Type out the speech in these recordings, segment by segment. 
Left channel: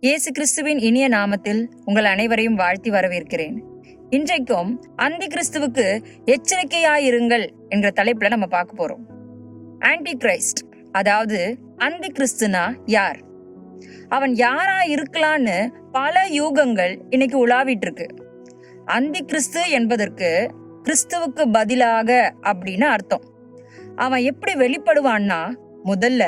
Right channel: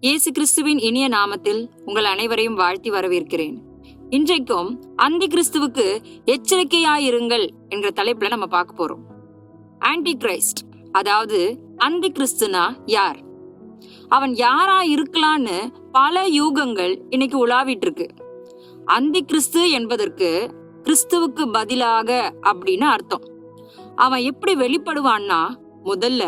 இயேசு கிறிஸ்துவின் இனிய நாமத்தில் உங்கள் அனைவரையும் வாழ்த்தி வரவேற்கிறேன். இன்றைக்கும் அந்தி கிறிஸ்துவுக்கு எச்சரிக்கையாயிருங்கள் என்ற தலைப்புல நம்ம பார்க்க போறோம். ஆன்டி கிரைஸ்ட் அதாவது அந்தி கிறிஸ்துனா யார்? அவன் யாரா இருக்கலான்னு பல யூகங்கள் இன்னைக்கு உலாவிட்டு இருக்கு அந்தி கிறிஸ்து என்பதற்கு கிறிஸ்துவுக்கு பதிலாக அப்படின்னு அர்த்தம். அவன் எப்படி வெளிப்படுவான்னா முதல்ல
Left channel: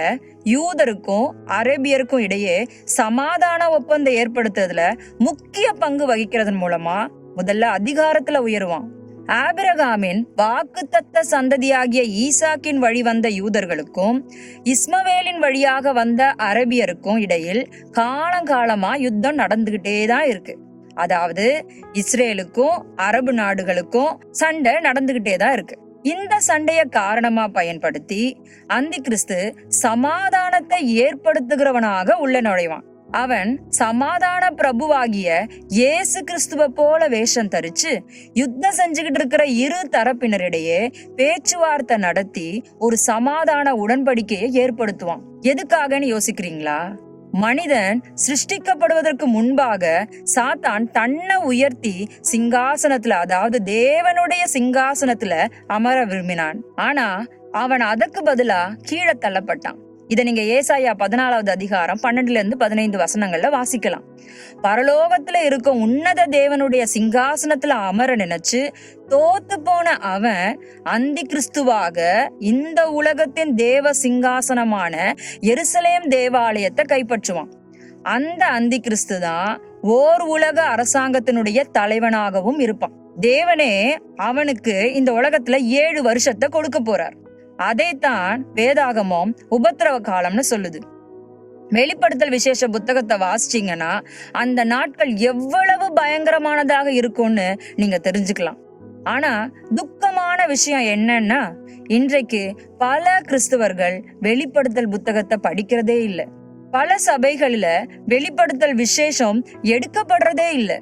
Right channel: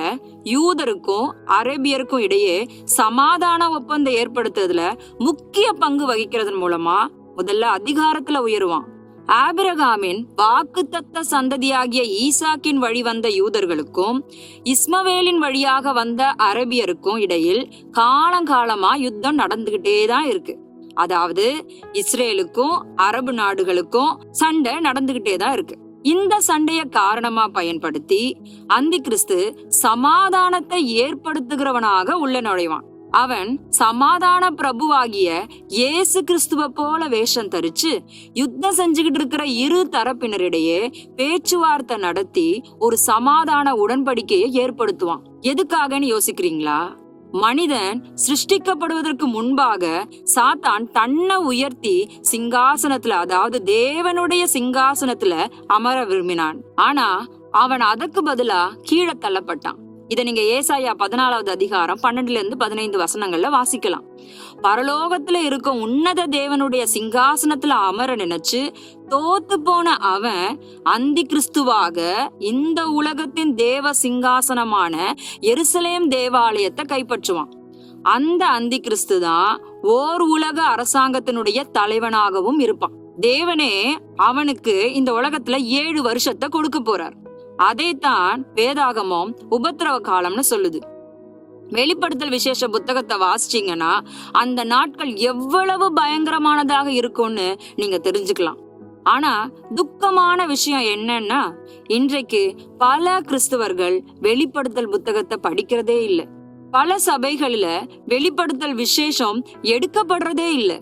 யூதருக்கும் அரேபியருக்கும் இடையே சமாதான ஒப்பந்தம் ஏற்படுத்துறதுல முக்கிய பங்கு வகிக்கிறதன் மூலமா முதல்ல அதிகாரத்துல உயருவான். ஆபிரகாமின் வாக்குத்தத்த சந்ததியாகிய ஈசாக்கின் வழி வந்த யூதர்களுக்கும் இஸ்மவேலின் வழியாக வந்த அரபியருக்கும் இடையில் காலங்காலமா யுத்தம் நடந்துகிட்டே தான் இருக்கு. அதாவது இஸ்ரேலுக்கும் அரபு நாடுகளுக்கும் சண்டை நடந்துகிட்டே தான் இருக்கு. இந்த சண்டைய காரணமா பயன்படுத்தி அந்தி கிறிஸ்து சமாதானத்தை ஏற்படுத்துகிறவனாக உள்ள நுழைவான். அவன் சமாதான பிரபுவாகிய இயேசு கிறிஸ்துவ போல வேஷம் தரிச்சு யுத்தம் செஞ்சுக்கிட்டு இருக்கிற இரு தரப்பினரிடையே பேச்சுவார்த்தை நடத்தி ஒரு சமாதான உடன்படிக்கையை ஏற்படுத்துவான். எதுக்காகன்னு யோசிக்கிறீங்களா? மனிதன் சிருஷ்டிக்கப்படுவதற்கு முன்பாக சாத்தான் தன்னை உயர்த்தி சிங்காசனத்துல அதாவது தேவனுடைய சிங்காசனத்துல அமர விரும்பினான். ஆனா அவன் அதற்கு பதிலா கீழே தள்ளப்பட்டான். இதை நீங்க ஏசாயா பதினாலாவது அதிகாரம் பன்னெண்டுல இருந்து பதினைந்து வசனங்கள்ல வாசிக்கலாம். பரலோகத்துல இருக்க உன்னத தேவனுடைய சிங்காசனத்துல அமர நினைச்சு தோத்து போன அவன் அந்தி கிறிஸ்துவாக இந்த உலகத்தின் தேவ சிங்காசனமான எருசலேம் தேவாலயத்தை கைப்பற்றுவான். அந்த அந்தி கிறிஸ்து தான் ஓர் உலக அரசாங்கத்தினுடைய தலைவனாகவும் இருப்பான். தேவனே அவனுக்கு இந்த உலகத்துல ஏழு வருஷத்தை கொடுக்க போறார். அதைத்தான் வேதாகமம் உபத்திரவ காலம்னு சொல்லுது. வெளிப்படுத்தல் விசேஷ புத்தகத்தை வாசிச்சிங்கன்னா அந்த நாட்கள் எவ்வளவு பயங்கரமானதாக இருக்கும்னு நீங்க தெரிஞ்சுக்கலாம். ஆனா துக்கமான விஷயம் என்னன்னா இன்றைக்கு பல கிறிஸ்துவர்கள் வெளிப்படுத்தல் புத்தகத்தை படிக்கிறதே இல்லை. பல சபைகளில வெளிப்படுத்தல் விசேஷம் எடுக்கப்படுறதே இல்லை.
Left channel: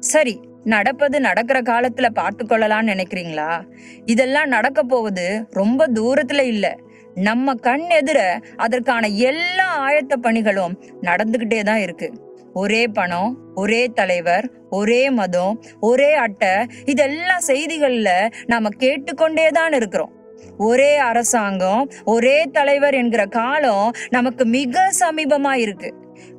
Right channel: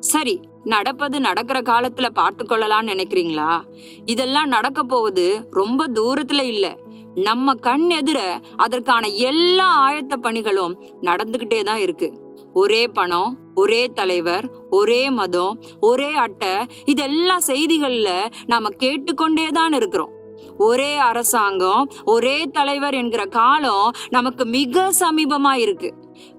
சரி நடப்பது நடக்கிற காலத்துல பார்த்து கொள்ளலாம்னு நினைக்கிறீங்களா? இதெல்லாம் நடக்க போவது ரொம்ப தூரத்துல இல்ல. நம்ம கண் எதிர அதற்கான எல்லா ஆயத்த பணிகளும் நடந்துகிட்டே தான் இருக்கு. ஒரே பணம் ஒரே தலைவர் ஒரே மதம் ஒரே அட்டை இதெல்லாம் செய்திகள்ல நாம கேட்டுக்கொண்டே தான் இருக்கிறோம். ஒரே அரசாங்கம் ஒரே தலைவர் என்கிற காலம் நமக்கு மிக சமீபமா இருக்கு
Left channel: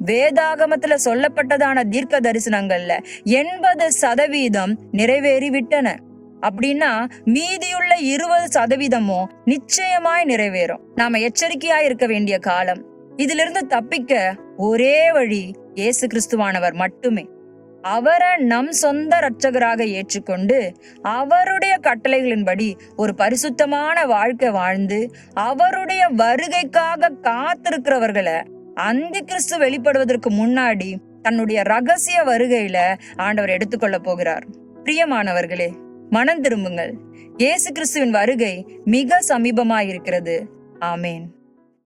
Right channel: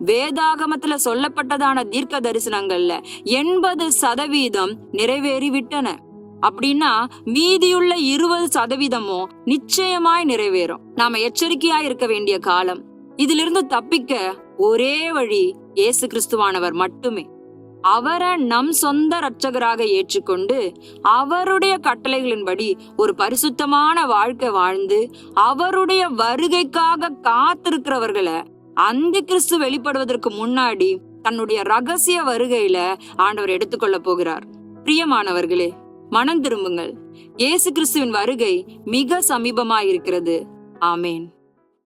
வேதாகமத்துல சொல்லப்பட்டதான தீர்க்க தரிசனங்கள்ல எண்பது சதவீதம் நிறைவேறி விட்டன அப்படின்னா மீதியுள்ள இருபது சதவீதமும் நிச்சயமாய் நிறைவேறும். நாம எச்சரிக்கையா இருக்க வேண்டிய காலம். இதிலிருந்து தப்பிக்க ஒரே வழி இயேசு கிறிஸ்துவானவர் மட்டுமே. அவரை நம் சொந்த இரட்சகராக ஏற்றுக்கொண்டு அவருடைய கட்டளைகளின்படி ஒரு பரிசுத்தமான வாழ்க்கை வாழ்ந்து அவருடைய வருகைக்காக காத்திருக்கிறவர்களை அந்த கிறிஸ்து வெளிப்படுவதற்கு முன்னாடி தன்னுடைய ரகசிய வருகையில ஆண்டவர் எடுத்துக்கொள்ள போகிறார். பிரியமானவர்களே மனம் திரும்புங்கள். இயேசு கிறிஸ்துவின் வருகை மிக சமீபமாயிருக்கிறது. ஆமேன்.